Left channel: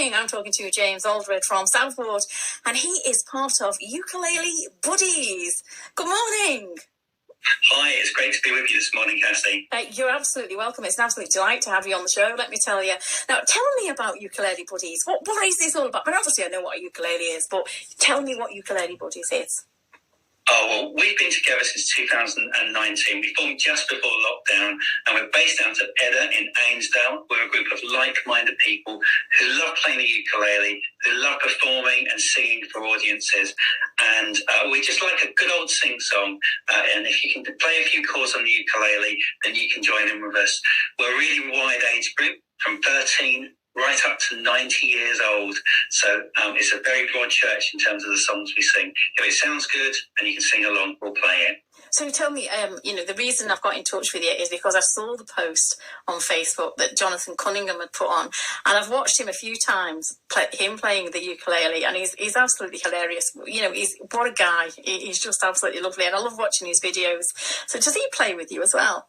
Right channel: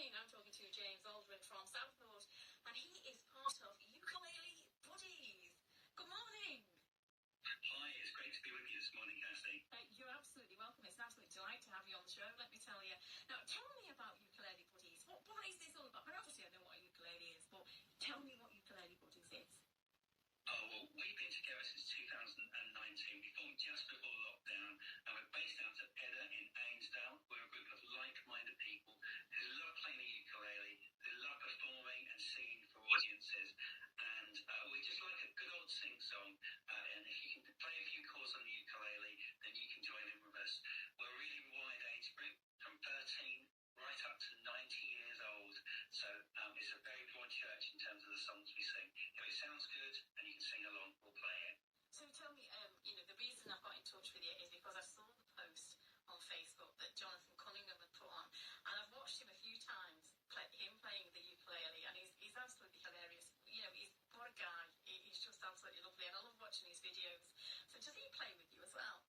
morning. I'm talking to James Aldred from Southport, and he is part of Ukulele Buddies. Good morning. Hi, it's great to be with you this morning, Cassie. You're absolutely welcome. It's an absolute delight to have you on the show, let me tell you. Now, tell me about Ukulele Buddies. What is this all about? But obviously I know what a ukulele is, but tell me what Ukulele Buddies is. Oh, well, we've been together since 2019. We formed just before lockdown, and we're based out of Edda in Ainsdale. We're a group of like-minded people who love playing the ukulele, who love performing and singing for audiences. And we just like a good old sing-song. And if you can play a few chords on the ukulele, then you can join in with us. We're a really wide age group, from 13 right up to 90 years old. So it's a very broad church in terms of the songs we sing. If it sounds good and you can sing along, we'll play it. So tell me, the reason I've got in touch with you is because I saw the post on Facebook that Jonathan Cunningham had put on, and I've watched him a few times, him playing the ukulele, and he's absolutely hilarious. What a guy. He's just absolutely lovely, and I love watching his videos. So does he play with you as well?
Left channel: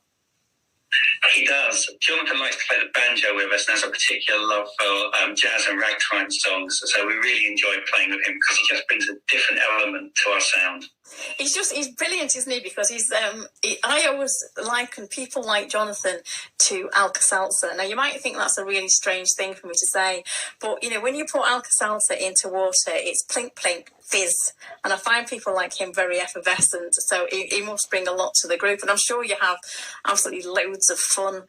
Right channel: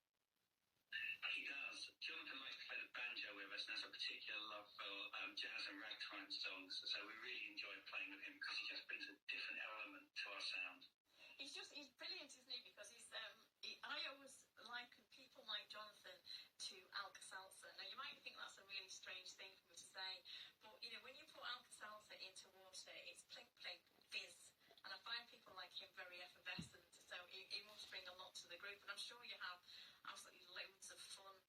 He does. Jonathan likes to play the banjo with us and has a particular love for jazz and ragtime songs. So we really enjoy playing with him because he just brings a different element to our sound. He's brilliant, isn't he? Because I always liken people like Jonathan to Alka-Seltzer. Now, you might think that's a really strange thing for me to say, but, when you put Alka-Seltzer into water, it's plink, plink, fizz. And I find people like him very effervescent, so he must bring a lot to the group. And I'm sure you have absolutely loads of fun,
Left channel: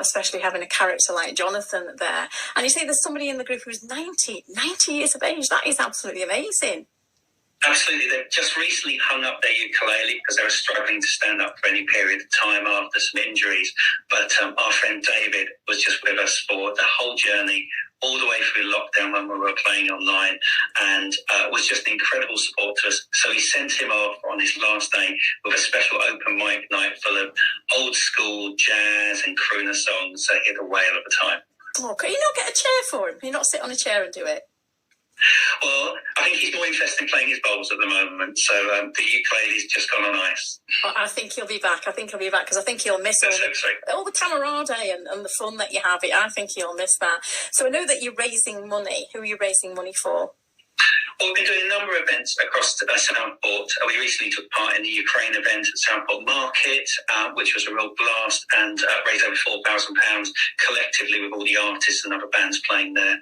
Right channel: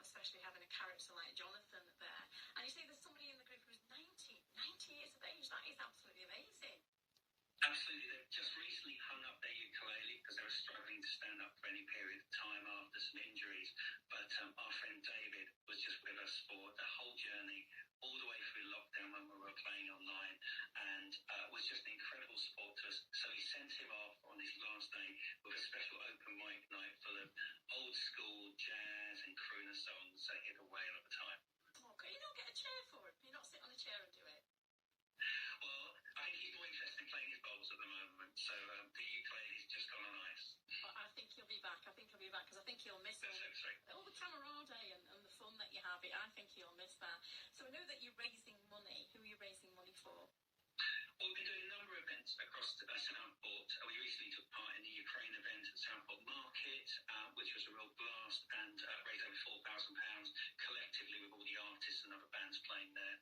especially having a character like Jonathan there. And you say there's somebody in the group who's 90 years of age. That is absolutely amazing. Absolutely. They've just recently hung up their ukulele because they were struggling to stand up for any period of time after some injuries. But our friend David was just with us for the whole journey, all the way through lockdown when we were playing online, and was just an incredible support to us. So he sent him off on his last day with a special open mic night full of old school jazz and crooner songs. So he had a whale of a time. Oh, can you not get a chair for him? Can you not sit on a chair and do it? Well, I think he's more interested in playing his bowls at the moment, so the ukulele's just gone on ice. I think he'll be back. Because I think he'll miss all the camaraderie and the fun that you have. I think he'll miss that. So I know that you're raising money. Who are you raising money for? Well, we've been doing a number of events across Southport. We recently took part in the Ukraine event at Southport Market, which was a real blast, and raised over £4,000 collectively with all the artists and other bands playing there.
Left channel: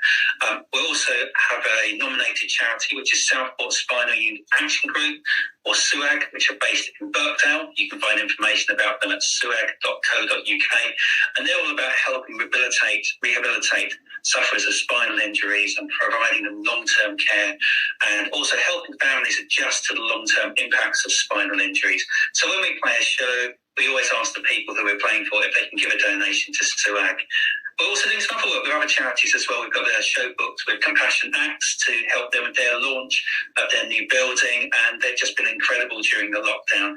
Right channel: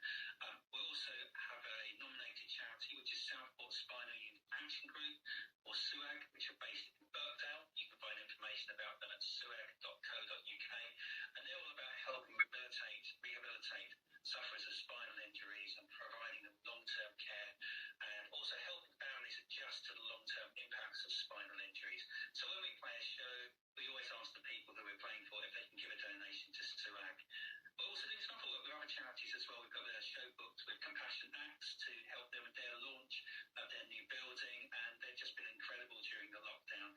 We also have a nominated charity, which is Southport Spinal Unit Action Group, or SUAG, which are based in Birkdale. You can find information about them at suag.co.uk. And they're all about helping rehabilitate sufferers of spinal injuries and providing them long-term care, and also helping families adjust to the long-term impacts of spinal injuries. So when we play a show, we always ask the people who we're playing for if they can give a donation to SUAG. We're also doing some other work with other charities as well. We've got a show booked with Compassion Acts to help them with their launch of their new building, and they've just been incredible during the lockdown.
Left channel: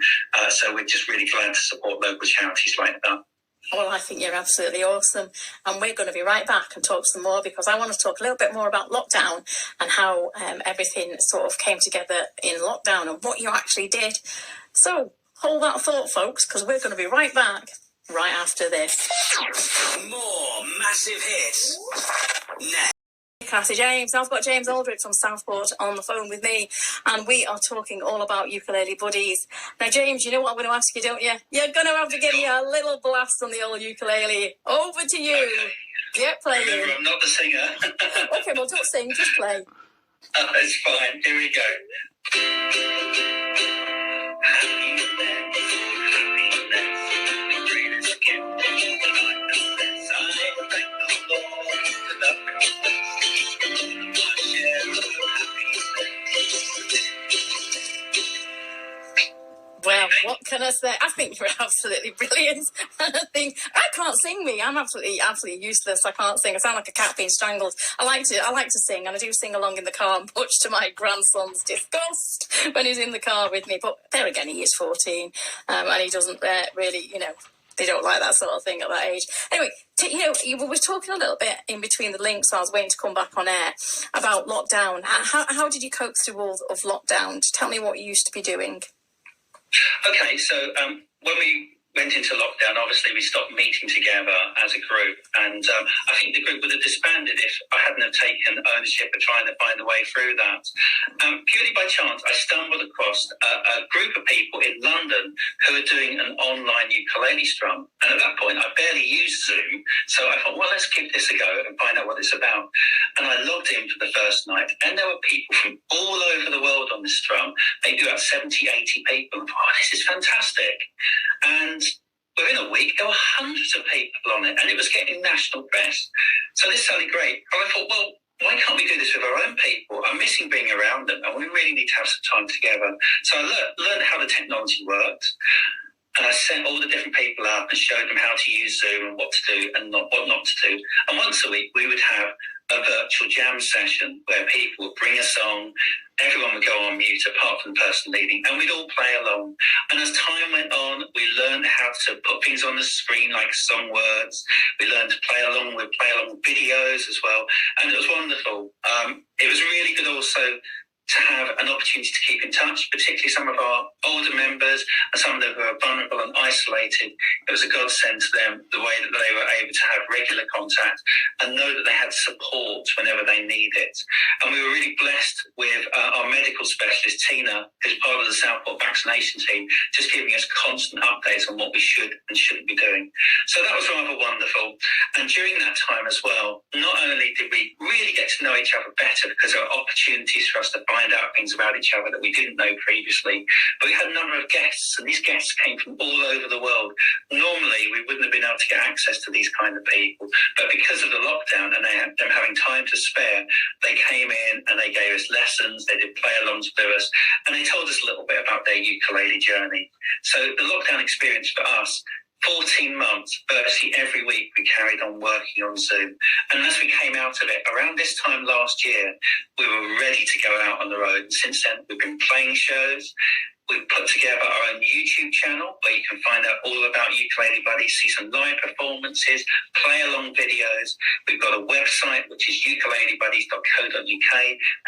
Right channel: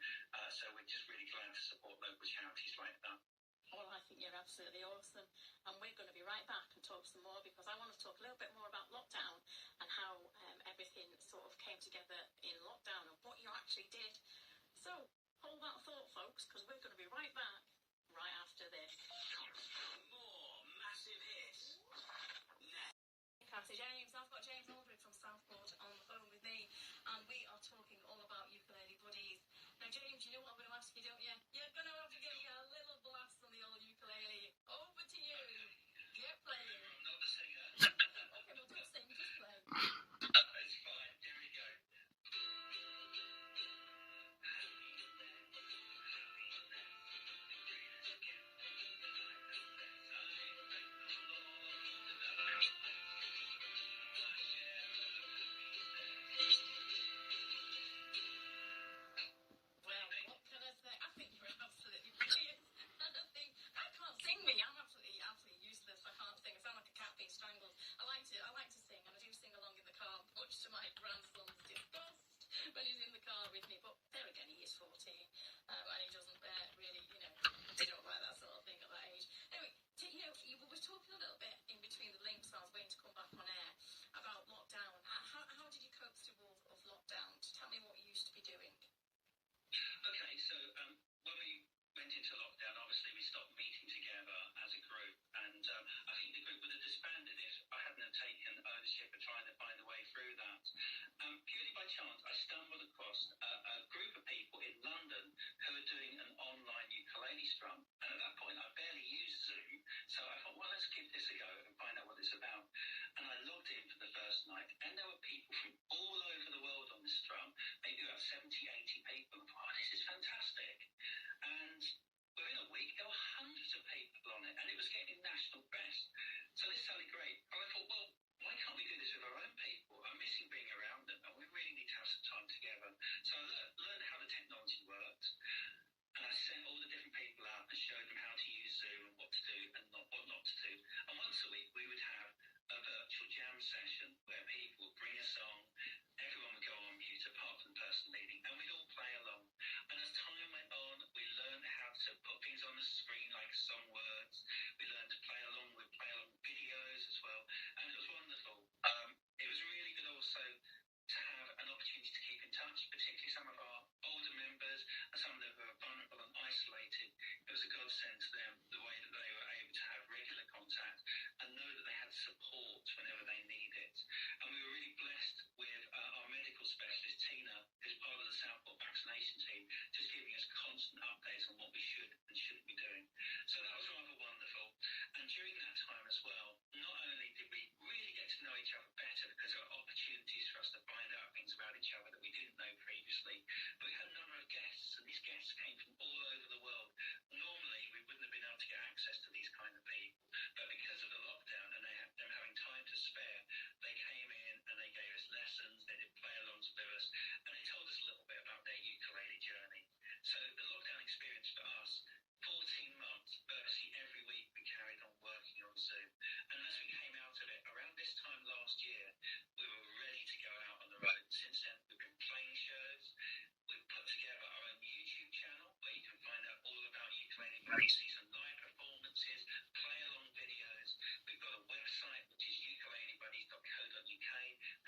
So we're just really glad to support local charities like that. Well, I think you're absolutely awesome. And we're going to be right back and talk some more, because I want to talk a little bit more about lockdown and how everything sort of came together in lockdown and what you actually did. So hold that thought, folks, because we're going to be right back right after this. More massive hits next. Cassie James. I've got James Aldred from Southport on the phone with me, and we are talking all about Ukulele Buddies. Now, James, you know what I'm going to ask you, don't you? You're going to have to give me a little blast on the old ukulele. Over to you. Okay. Get playing. Remember, I'm not the singer. Okay, well, don't sing, just play. It's fine. Here we go. Well, what can I say? I think you're absolutely brilliant. I can't sing, me. I'm absolutely useless. I can't sing. I sound like a cat being strangled. I like to sing, and I do sing along in the car, much to my grandson's disgust when he's in the car with me. But there again, he is 14, and he doesn't really, they don't like that sort of thing at that age. Anyway, you were talking a little bit in between the links. So I was waiting to come back on air about lockdown. How did you cope through all of lockdown? Tell me what you used to be doing. Okay, so when we went into lockdown, obviously we stopped meeting together as a group, and I think the group would have disbanded if I hadn't have taken ownership of trying to find a way through that. Purely by chance, I stumbled across a group of people in London who were doing an online ukulele strum, and at that point I barely used Zoom, so I thought, well, let's give this a go and find out what it's about. And I logged in for the first night, and there were people from all over the world on this strum, maybe about 70, 80 people. I thought, oh, this is fantastic. And within a week, there were hundreds of people on it, and it was getting national press. So this sounded great. And I thought, well, why can't we do this with our own people? I'm missing being around them, and we really need to have some time together. So I learned how the technology worked, and I set all the different people up and showed them how to use Zoom and what to do and what not to do. And once a week, we would have a virtual jam session where people would bring a song, everyone would go on mute apart from the person leading, and we'd all play along. And as time went on, we learned how to put things on the screen like song words. We learned to play along with videos as well, and it was wonderful. It was really good also to have an opportunity to keep in touch, particularly some of our older members and some of them who are vulnerable and isolated. It was a godsend to them, the way that they were able to have regular contact and know that they had support whenever they need it. And we were really blessed with our medical specialist, Tina, who's part of the Southport vaccination team, just giving us constant updates on what we should and shouldn't be doing. So that was rather wonderful. And during that time as well, not only did we really get to know each other better because there were opportunities for us to find out things about each other that we didn't know previously, but we had a number of guests, and these guests came from all over the world. Normally, we wouldn't have been able to get access to these kind of people, but because of the lockdown and them having time to spare, they came in and they gave us lessons, they did play-alongs with us, and they told us a little bit about their ukulele journey. So the lockdown experience for us, 14 months, virtually every week we carried on working on Zoom. And as we came out of it, around this time last year, we were ready to go out on the road. And since then, we've been playing shows. We've put together our own YouTube channel where you can find out all about Ukulele Buddies, see some live performances, play-along videos. We've got a website, which is ukulelebuddies.co.uk,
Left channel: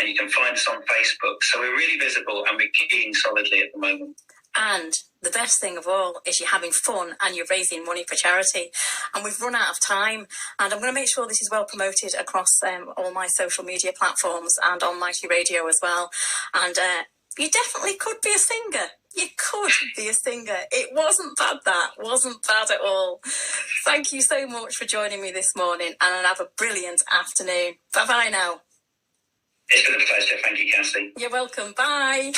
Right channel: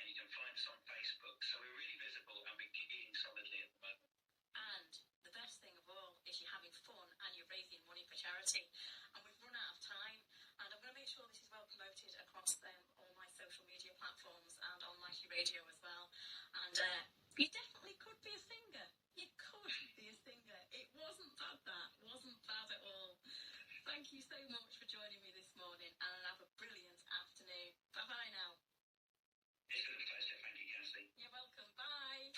and you can find us on Facebook. So we're really visible and we're kicking solidly at the moment. And the best thing of all is you're having fun and you're raising money for charity. And we've run out of time. And I'm going to make sure this is well promoted across all my social media platforms and on Mighty Radio as well. And you definitely could be a singer. You could be a singer. It wasn't bad, that. Wasn't bad at all. Thank you so much for joining me this morning, and have a brilliant afternoon. Bye-bye now. It's been a pleasure. Thank you, Cassie. You're welcome. Bye.